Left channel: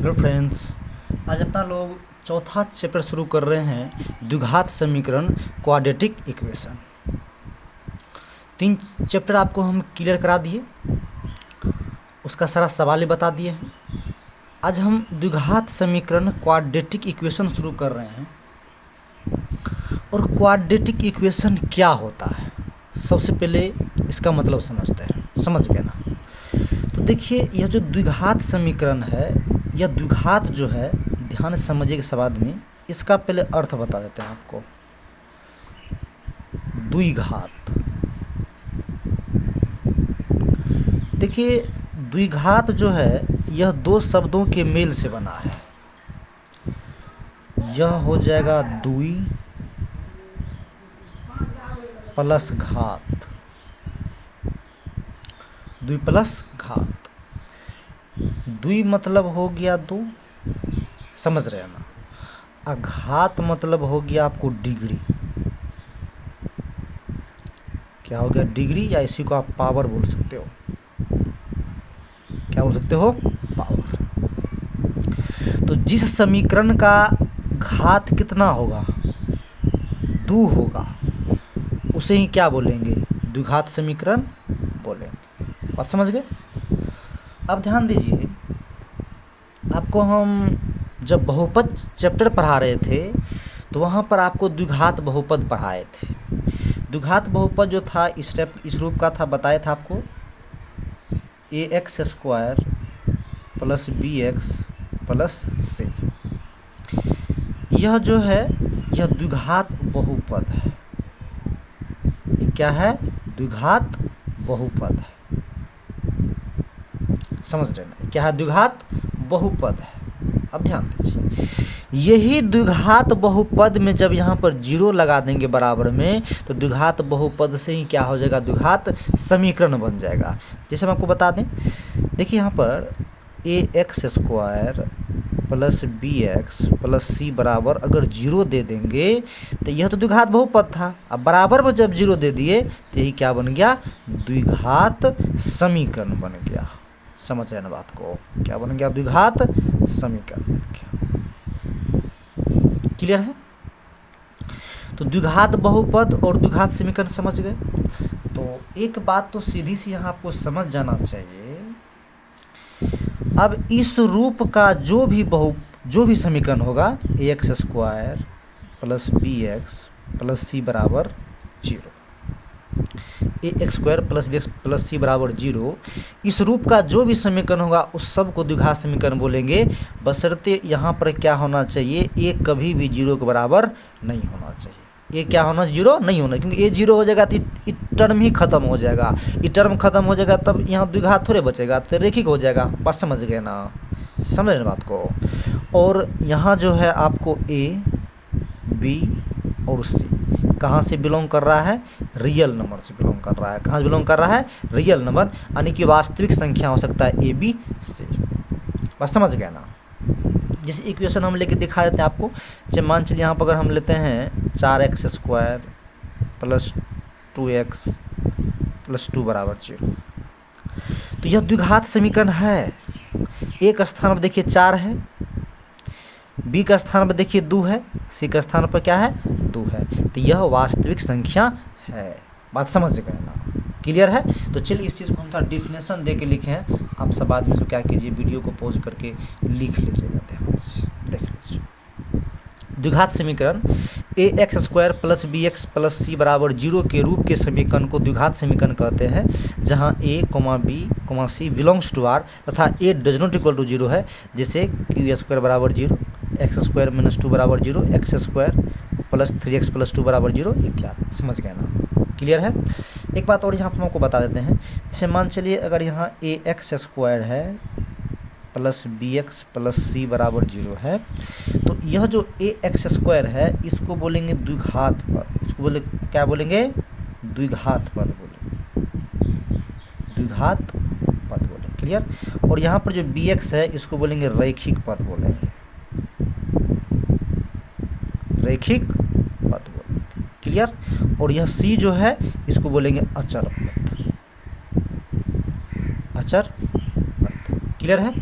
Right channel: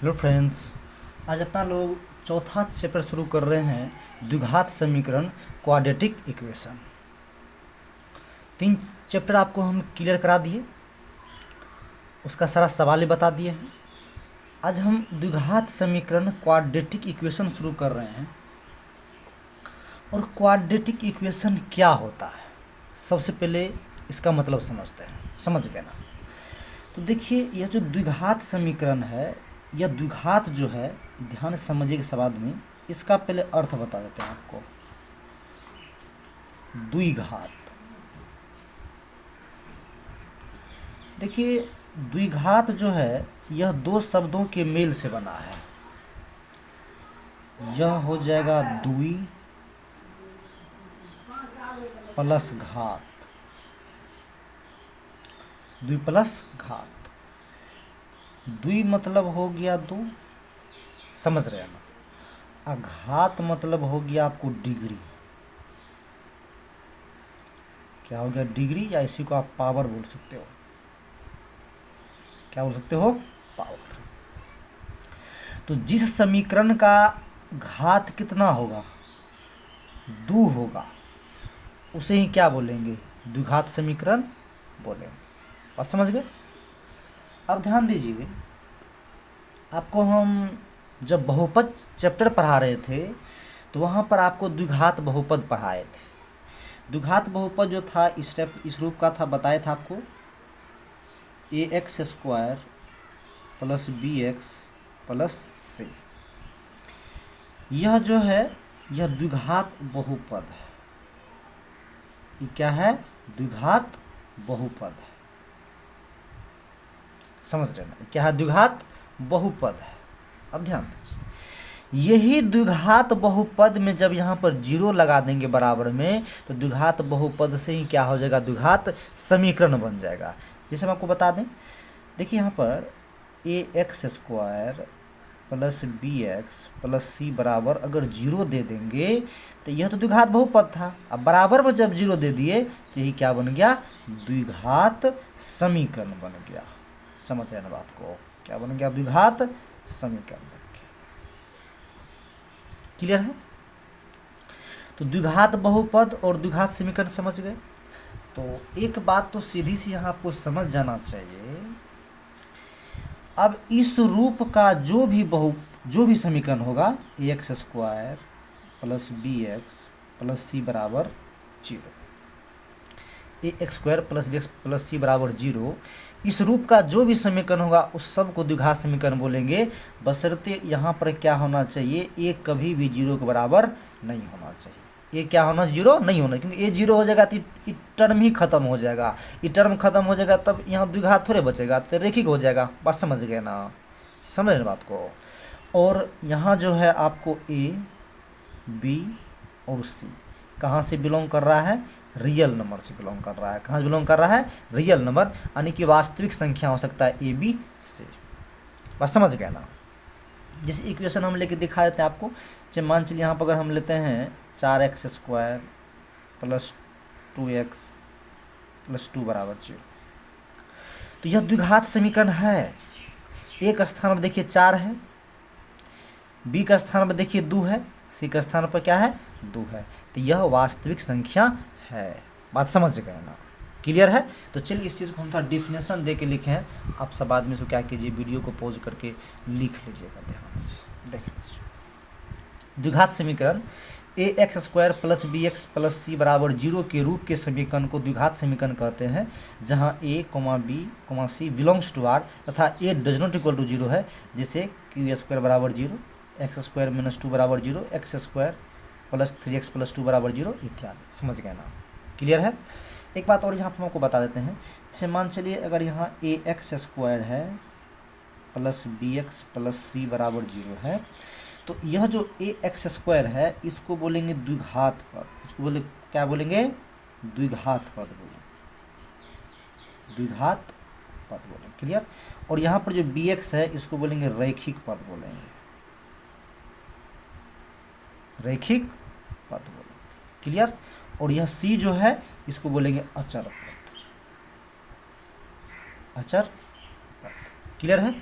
Hello friends, आज अपना लोग चौथा चैप्टर शुरू कर रहे हैं द्विघात समीकरण क्वाड्रेटिक इक्वेशन। 3 चैप्टर आपको हम क्लियर करा दिए, उसका सारा सवाल ही बता दिए हैं। आज हम द्विघात समीकरण क्वाड्रेटिक इक्वेशन शुरू कर रहे हैं। और क्वाड्रेटिक इक्वेशन क्या होता है, सबसे पहले इसका मतलब समझते हैं। समझ गए ना? तो देखिए, यह जो द्विघात समीकरण है, यह द्विघात जो है, ध्यान से समझिएगा सवाल में, इसका पहले अर्थ बता देते हैं आपको। द्विघात, देखिए द्विघात जो है यह दो शब्दों के मेल से बना है। यह हो जाएगा द्वि प्लस घात, द्वि प्लस घात। द्वि मतलब हो गया दो, समझ रहे हैं ना? घात मतलब हो गया आपको डिग्री। क्या हो गया? डिग्री, या इसी को आप पावर बोल सकते हो। क्या बोल सकते हो? पावर। तो जिस समीकरण का घात कितना होगा, 2 होगा, उसे ही क्या बोलेंगे? द्विघात समीकरण बोलेंगे। बात समझ गए? अब ध्यान दीजिए, आपको हम जब बहुपद चैप्टर पढ़ा रहे थे तो वहाँ पर आपको द्विघात बहुपद पढ़ाए थे। द्विघात बहुपद जो था इस रूप का था, बताया था आपको। ax² plus bx plus c। यह जो है यह द्विघात बहुपद है। ये क्या है? द्विघात बहुपद है। समझ रहे ना? क्या है? द्विघात बहुपद है। अब ध्यान दीजिए, यही द्विघात बहुपद में जब यहाँ पर 0 लगा देंगे बराबर में, तो द्विघात बहुपद से ही क्या हो जाएगा? द्विघात समीकरण बन जाएगा। जैसे हम आपको बता दें, देखिए यहाँ पर ax² plus bx plus c बराबर अगर 0 दे देंगे तो यह तो द्विघात बहुपद था। अब बराबर में जब 0 दे दिए तो यही क्या बन गया? द्विघात समीकरण बन गया। समझ रहे हैं ना बात को? क्या बन गया? द्विघात समीकरण बन गया। क्लियर है? तो द्विघात बहुपद और द्विघात समीकरण समझ गए। तो एक बात तो सीधी सी यहाँ आपको समझ जाना चाहिए, अब इस रूप का जो भी समीकरण होगा, ax² plus bx plus c बराबर 0, ax² plus bx plus c बराबर 0, इस रूप का जो भी समीकरण होगा उस सब को द्विघात समीकरण बोलेंगे। बशर्ते यहाँ पर क्या होना चाहिए? a कभी भी 0 के बराबर नहीं होना चाहिए। ये क्या होना? 0 नहीं होना, क्योंकि ये 0 हो जाएगा तो ये टर्म ही खत्म हो जाएगा। ये टर्म खत्म हो जाएगा तब यहाँ द्विघात थोड़े बचेगा, तो रैखिक हो जाएगा। बात समझ गए ना? समझ रहे बात को? और यहाँ जो है आपको a, b और c कहाँ से बिलोंग कर रहा है? रियल नंबर से बिलोंग कर रहा है। कहाँ से बिलोंग कर रहा है? रियल नंबर, यानी कि वास्तविक संख्या हो सकता है a, b, c। बस समझ गया ना? जैसे इक्वेशन हम लेके दिखा देते हैं आपको। जैसे मान चलिए यहाँ पर अगर हम लेते हैं 4x² प्लस 2x प्लस 2 बराबर 0, तो यह द्विघात समीकरण है। एक स्थान पर देखिए 4 है, बी का स्थान पर देखिए 2 है, सी का स्थान पर क्या है? 2 है। तो यह वास्तविक संख्या है। बात समझ गए ना? क्लियर है? तो चलिए इस चीज़ को हम थोड़ा डिफिनेशन दे के लिखे हैं। आप सब आदमी से क्या कीजिए, वीडियो को पॉज करके लिख लीजिएगा, ध्यान से देख लीजिए। द्विघात समीकरण ax² plus bx plus c बराबर 0 के रूप के समीकरण को द्विघात समीकरण कहते हैं, जहां a, b, c belongs to r तथा a does not equal to 0 है। जैसे q² बराबर 0, x² माइनस 2 बराबर 0, x² प्लस 3x प्लस 2 बराबर 0 इत्यादि। समझ गए ना? क्लियर है? एक बात और यहाँ पर हम आपको बता देते हैं। जैसे मान चलिए अगर यहाँ ax² है प्लस bx प्लस c बराबर 0 है, तो यह जो ax² है इसको बोलेंगे द्विघात पद। इसको क्या बोलेंगे? द्विघात पद बोलेंगे। द्विघात पद बोलेंगे। क्लियर? और यहाँ पर जो bx है इसको बोलेंगे रैखिक पद बोलेंगे। रैखिक पद बोलेंगे। क्लियर? और यह c जो है इसको बोलेंगे अचर पद। अचर पद। क्लियर है?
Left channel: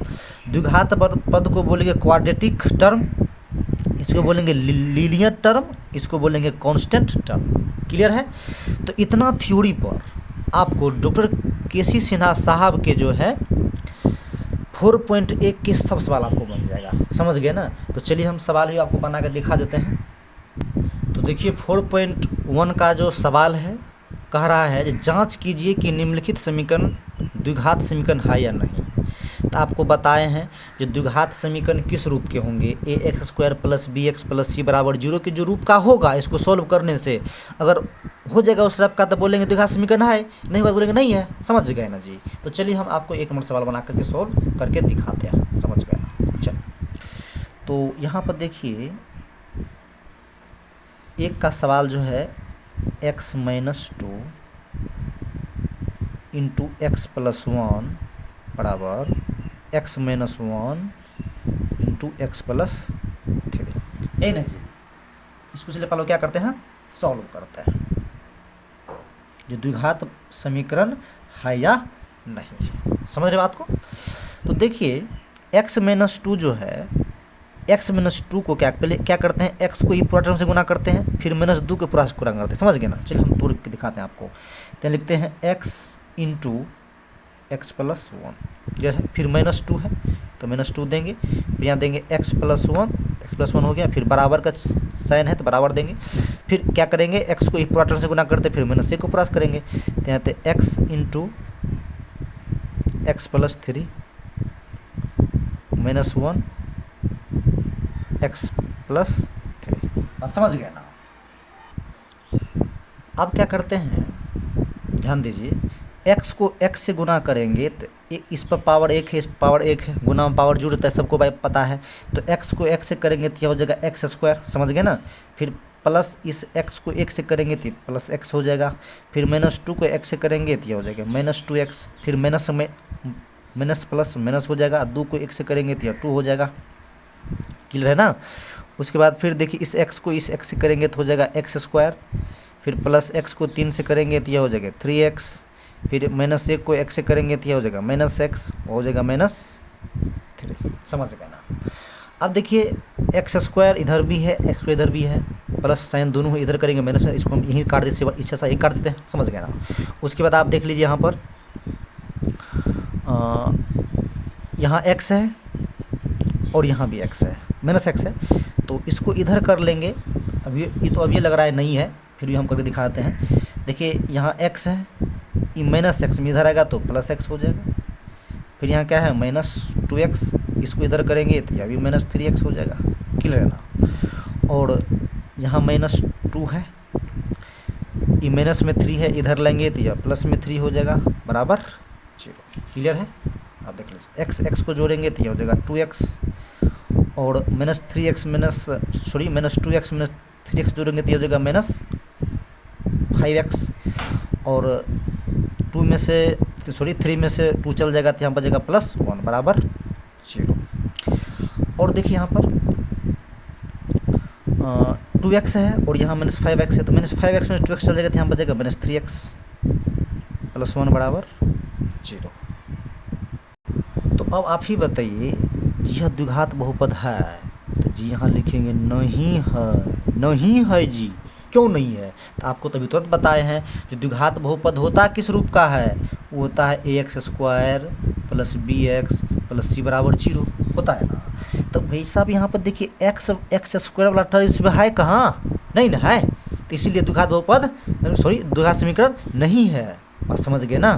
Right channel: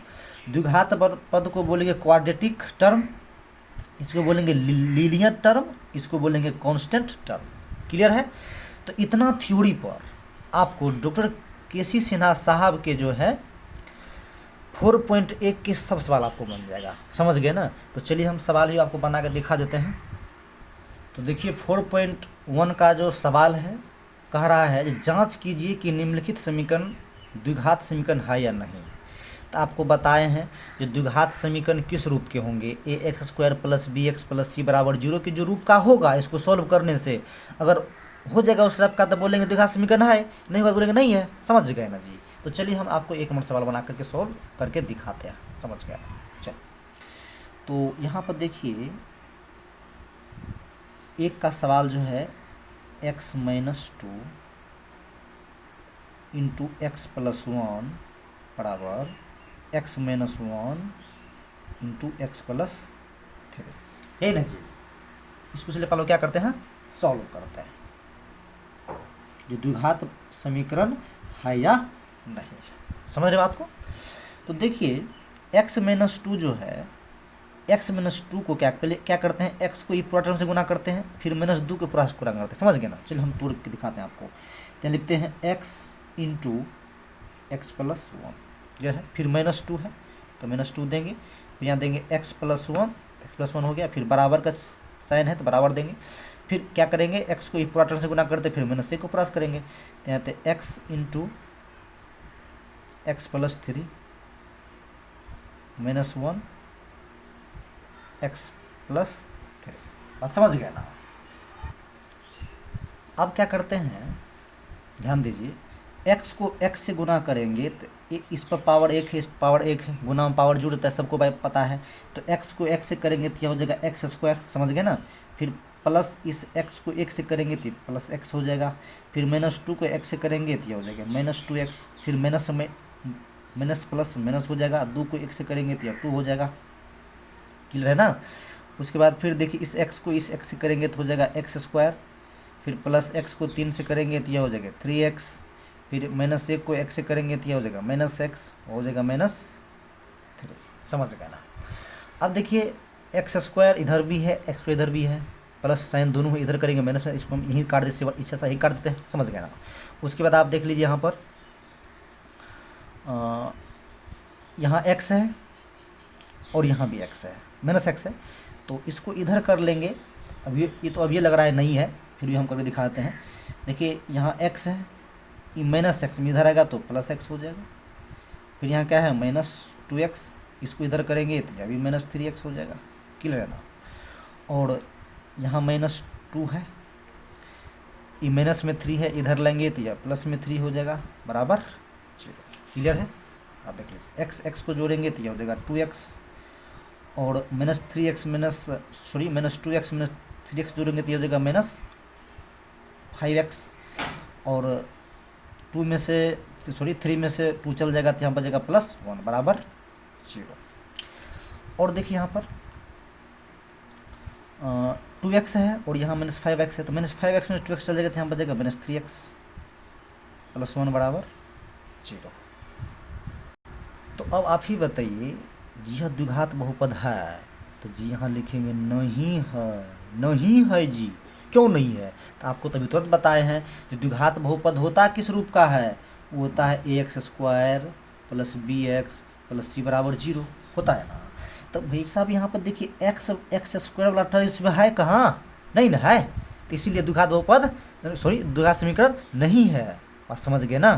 द्विघात पद को बोलेंगे क्वाड्रेटिक टर्म, इसको बोलेंगे लीनियर टर्म, इसको बोलेंगे कांस्टेंट टर्म। क्लियर है? तो इतना थ्योरी पर आपको डॉक्टर केसी सिन्हा साहब के जो है 4.1 के सब सवाल आपको बन जाएगा। समझ गए ना? तो चलिए हम सवाल भी आपको बना कर दिखा देते हैं। तो देखिए 4.1 का जो सवाल है कह रहा है कि जांच कीजिए कि निम्नलिखित समीकरण द्विघात समीकरण है या नहीं। तो आपको बताए हैं जो द्विघात समीकरण किस रूप के होंगे, ax² + bx + c = 0 के जो रूप का होगा, इसको सॉल्व करने से अगर हो जाएगा उस रूप का तो बोलेंगे द्विघात समीकरण है, नहीं बात बोलेंगे नहीं है। समझ गए ना जी? तो चलिए हम आपको एक मिनट सवाल बना करके सॉल्व करके दिखाते हैं। समझ गए ना? चलिए, तो यहाँ पर देखिए एक का सवाल जो है x - 2 × x + 1 बराबर x - 1 × x + 3, यही ना जी? इसको चलिए पहले क्या करते हैं, सॉल्व करते हैं जो द्विघात समीकरण है या नहीं है। समझ रहे बात को? तो देखिए x - 2 जो है, x - 2 को पहले क्या करते हैं, x को पूरा टर्म से गुना करते हैं, फिर -2 को पूरा से गुना करते हैं। समझ गए ना? चलिए हम तोड़ के दिखाते हैं आपको। तो लिखते हैं x × x + 1, क्लियर है? फिर -2 है तो -2 देंगे, फिर यहाँ देंगे x + 1, x + 1 हो गया, फिर बराबर का साइन है तो बराबर देंगे, फिर क्या करेंगे, x को पूरा टर्म से गुना करते फिर -1 को प्लस करेंगे, तो यहाँ पे x × x + 3 -1 x + 3। बात समझ गया ना? अब क्या करते हैं, ध्यान दीजिए, x को x से गुना करेंगे तो इस पर पावर 1 है, इस पर पावर 1 है, गुना में पावर जुड़ होता है, सबको भाई पता है। तो x को x से करेंगे तो यह हो जाएगा x², समझ गए ना? फिर प्लस इस x को 1 से करेंगे तो प्लस x हो जाएगा, फिर -2 को x से करेंगे तो यह हो जाएगा -2x, फिर माइनस में माइनस प्लस माइनस हो जाएगा, 2 को 1 से करेंगे तो यह 2 हो जाएगा। क्लियर है ना? उसके बाद फिर देखिए इस x को इस x से करेंगे तो हो जाएगा x², फिर प्लस x को 3 से करेंगे तो यह हो जाएगा 3x, फिर -1 को x से करेंगे तो यह हो जाएगा -x, हो जाएगा -3। समझ गए ना? अब देखिए x² इधर भी है, x इधर भी है, प्लस साइन दोनों इधर करेंगे माइनस में, इसको हम यहीं काट देते, इच्छा से यहीं काट देते हैं। समझ गए ना? उसके बाद आप देख लीजिए यहाँ पर यहाँ x है और यहाँ भी x है, -x है, तो इसको इधर कर लेंगे। अब ये लग रहा है नहीं है, फिर भी हम करके दिखाते हैं। देखिए यहाँ x है, ये -x में इधर आएगा तो +x हो जाएगा, फिर यहाँ क्या है -2x, इसको इधर करेंगे तो यह भी -3x हो जाएगा। क्लियर है ना? और यहाँ -2 है, ये माइनस में 3 है, इधर लेंगे तो यह प्लस में 3 हो जाएगा बराबर 0। क्लियर है? आप देख लीजिए x को जोड़ेंगे तो यह हो जाएगा 2x, और -3x -2x -3x जोड़ेंगे तो यह हो जाएगा -5x, और 3 में से 2 चल जाएगा तो यहाँ पर जाएगा +1 बराबर 0। और देखिए यहाँ पर 2x है और यहाँ -5x है, तो -5x में 2x चल जाएगा तो यहाँ पर जाएगा -3x, +1 बराबर 0। तो अब आप ही बताइए, यह द्विघात बहुपद है? तो जी यहाँ लिखेंगे नहीं है, नहीं है जी। क्यों नहीं है? तो आपको तभी तुरंत बताए हैं जो द्विघात बहुपद होता है किस रूप का है, वो होता है ax² + bx + c = 0 होता है ना। तो भाई साहब यहाँ पर देखिए x² वाला टर्म इसमें है कहाँ? नहीं ना है, तो इसीलिए द्विघात बहुपद द्विघात समीकरण नहीं है। बात समझ गए ना?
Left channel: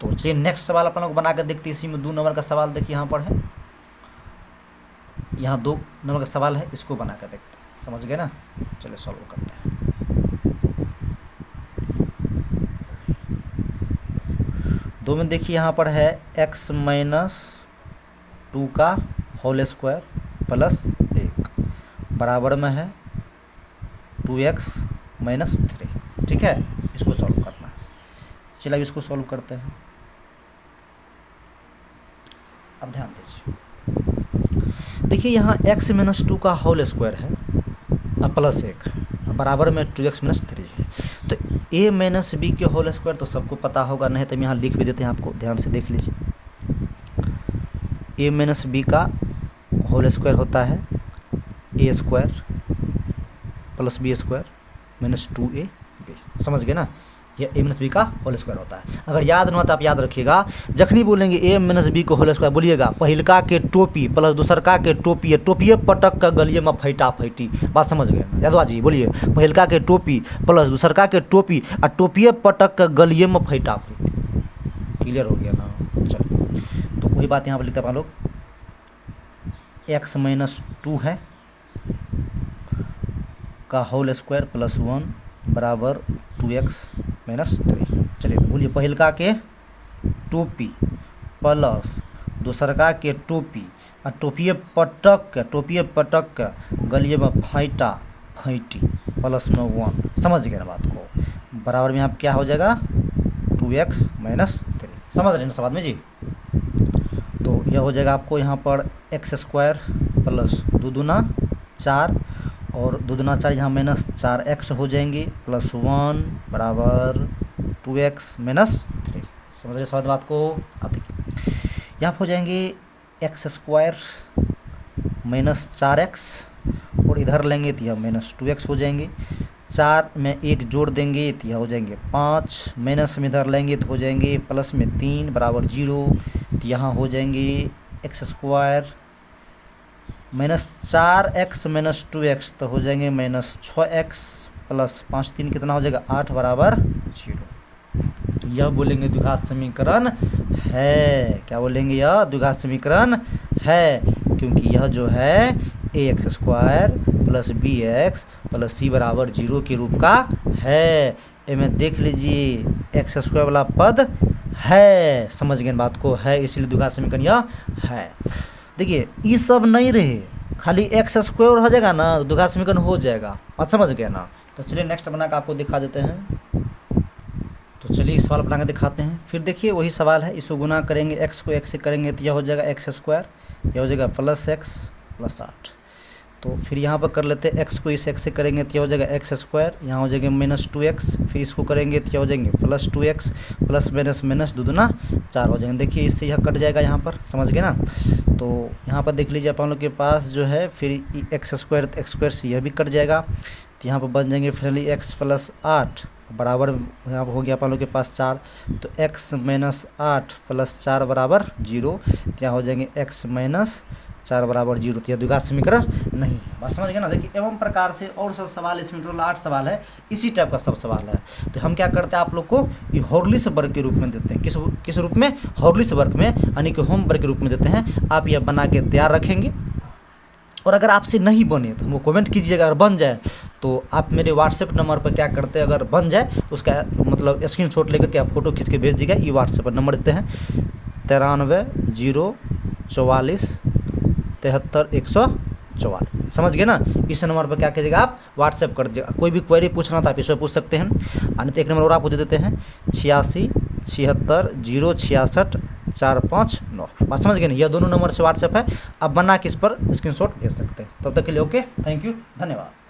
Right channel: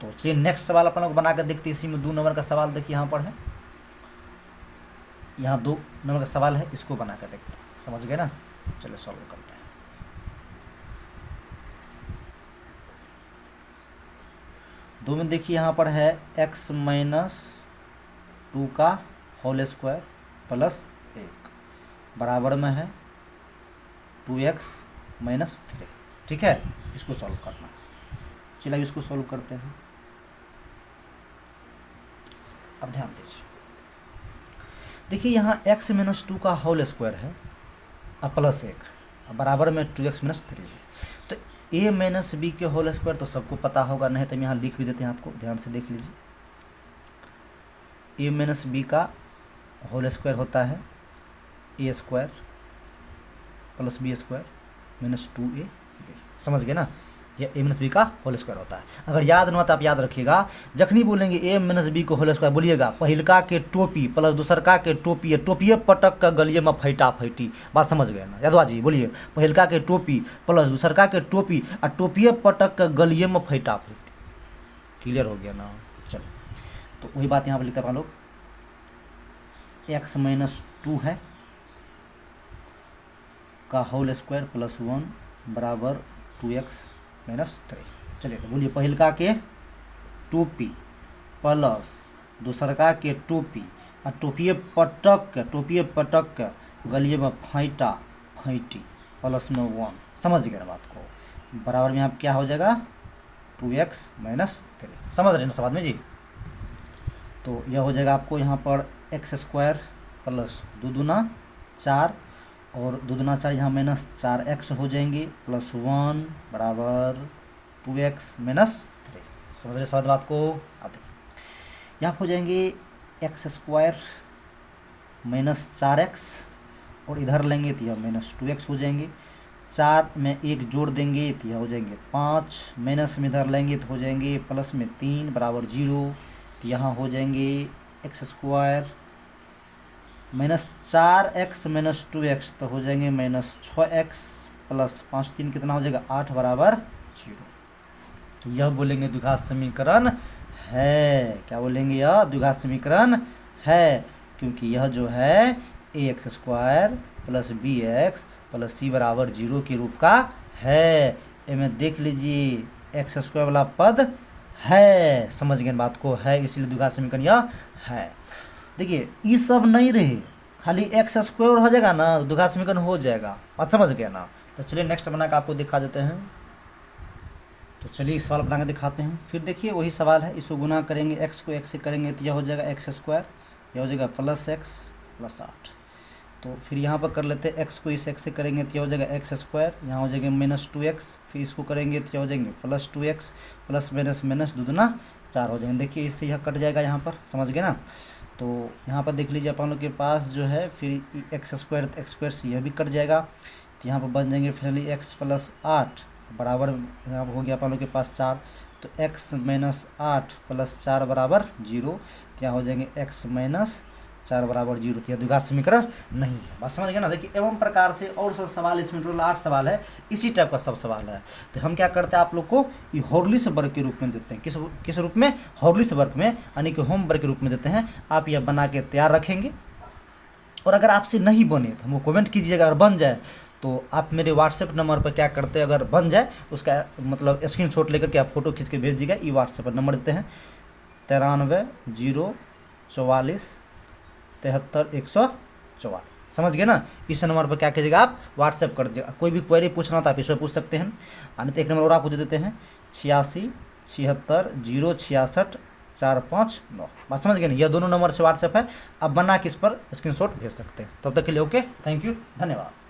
तो चलिए नेक्स्ट सवाल अपन लोग बना कर देखते हैं। इसी में 2 नंबर का सवाल देखिए यहाँ पर है, यहाँ 2 नंबर का सवाल है, इसको बना कर देखते हैं। समझ गए ना? चलो सॉल्व करते हैं। दो में देखिए यहाँ पर है x - 2 का होल स्क्वायर प्लस 1 बराबर में है 2x - 3। ठीक है, इसको सॉल्व करना। चलिए अब इसको सॉल्व करते हैं। अब ध्यान दीजिए, देखिए यहाँ x - 2 का होल स्क्वायर है प्लस 1 बराबर में 2x - 3 है। तो a - b के होल स्क्वायर तो सबको पता होगा, नहीं तो हम यहाँ लिख भी देते हैं, आपको ध्यान से देख लीजिए। ए माइनस बी का होल स्क्वायर होता है a square plus b square minus 2ab, समझ गए ना। यह ए माइनस बी का होल स्क्वायर होता है। अगर याद न हो तो आप याद रखिएगा, जखनी बोलेंगे ए माइनस बी को होल स्क्वायर बोलिएगा पहिलका के टोपी प्लस दूसरका के टोपी, टोपिए पटक का गलिए में फैटा फैटी, बात समझ गए ना यादवा जी। बोलिए पहिलका के टोपी प्लस दूसरका के टोपी और टोपिए पटक का गलिए में फैटा फैटी। क्लियर हो गया ना। चलिए तो वही बात यहाँ पर लिखते हैं आप लोग, x माइनस 2 है का होल स्क्वायर प्लस 1 बराबर 2x माइनस 3। चलिए तो बोलिए पहिलका के टोपी प्लस दूसरका के टोपी और टोपिए पटक के गलिए में फैटा फैटी प्लस में 1, समझ गए ना बात को। बराबर में यहाँ क्या हो जाएगा 2x माइनस 3, समझ रहे ना सब आदमी जी। तो यह हो जाएगा आपको यहाँ पर एक्स स्क्वायर प्लस 2 दूना 4 और 2 दूना 4 यहाँ माइनस 4x हो जाएंगे प्लस 1 बराबर 2x माइनस 3, समझ रहे सब बात को। आप देखिए यहाँ हो जाएंगे एक्स स्क्वायर माइनस 4x और इधर लेंगे तो यह माइनस 2x हो जाएंगे, 4 में 1 जोड़ देंगे तो यह हो जाएंगे 5, माइनस में इधर लेंगे तो हो जाएंगे प्लस में 3 बराबर 0, तो यहाँ हो जाएंगे x square minus 4x minus 2x तो हो जाएंगे माइनस 6x प्लस 5 3 कितना हो जाएगा 8 बराबर 0। यह बोलेंगे द्विघात समीकरण है। क्या बोलेंगे? यह द्विघात समीकरण है, क्योंकि यह जो है ax square plus b x plus c बराबर 0 के रूप का है। इनमें देख लीजिए एक्स स्क्वायर वाला पद है, समझ गए बात को, है इसलिए द्विघात समीकरण यह है। देखिए ये सब नहीं रहे, खाली एक्स स्क्वायर हो जाएगा ना द्विघात समीकरण हो जाएगा, बात समझ गया ना। तो चलिए नेक्स्ट बना के आपको दिखा देते हैं। तो चलिए इस सवाल बना के दिखाते हैं। फिर देखिए वही सवाल है, इसको गुना करेंगे, एक्स को एक्स से करेंगे तो यह हो जाएगा एक्स स्क्वायर, यह हो जाएगा प्लस एक्स प्लस 8। तो फिर यहाँ पर कर लेते हैं, एक्स को इस एक्स से करेंगे तो यह हो जाएगा एक्स स्क्वायर, यहाँ हो जाएगा माइनस 2x, फिर इसको करेंगे तो यह हो जाएंगे plus 2x plus minus minus 2 दूना 4 हो जाएंगे। देखिए इससे यह कट जाएगा यहाँ पर, समझ गए ना। तो यहाँ पर देख लीजिए आप लोग के पास जो है फिर एक्स स्क्वायर से यह भी कट जाएगा, तो यहाँ पर बन जाएंगे फाइनली एक्स प्लस 8 बराबर यहाँ पर हो गया आप लोग के पास 4, तो x माइनस 8 प्लस 4 बराबर 0, क्या हो जाएंगे x माइनस 4 बराबर 0। तो यह द्विघात समीकरण नहीं है, बात समझ गए ना। देखिए एवं प्रकार से और सब सवाल इसमें टोटल 8 सवाल है, इसी टाइप का सब सवाल है। तो हम क्या करते हैं आप लोग को ये हॉर्लिक्स वर्ग के रूप में देते हैं, किस रूप में? हॉर्लिक्स वर्ग में, यानी कि होम वर्क के रूप में देते हैं। आप यह बना के तैयार रखेंगे, और अगर आपसे नहीं बने तो हमको कमेंट कीजिएगा, अगर बन जाए तो आप मेरे व्हाट्सएप नंबर पर क्या करते हैं, अगर बन जाए उसका मतलब स्क्रीनशॉट लेकर के आप फोटो खींच के भेज दीजिएगा। ये व्हाट्सएप पर नंबर देते हैं 93 044 73 144, समझ गए ना। इस नंबर पर क्या कीजिएगा, आप व्हाट्सएप कर दीजिएगा। कोई भी क्वेरी पूछना तो आप इस पर पूछ सकते हैं, और नहीं तो एक नंबर और आपको दे देते हैं 86 76 066 459, बात समझ गए ना। यह दोनों नंबर से व्हाट्सएप है, आप बना के इस पर स्क्रीनशॉट भेज सकते हैं। तब तक के लिए ओके, थैंक यू, धन्यवाद।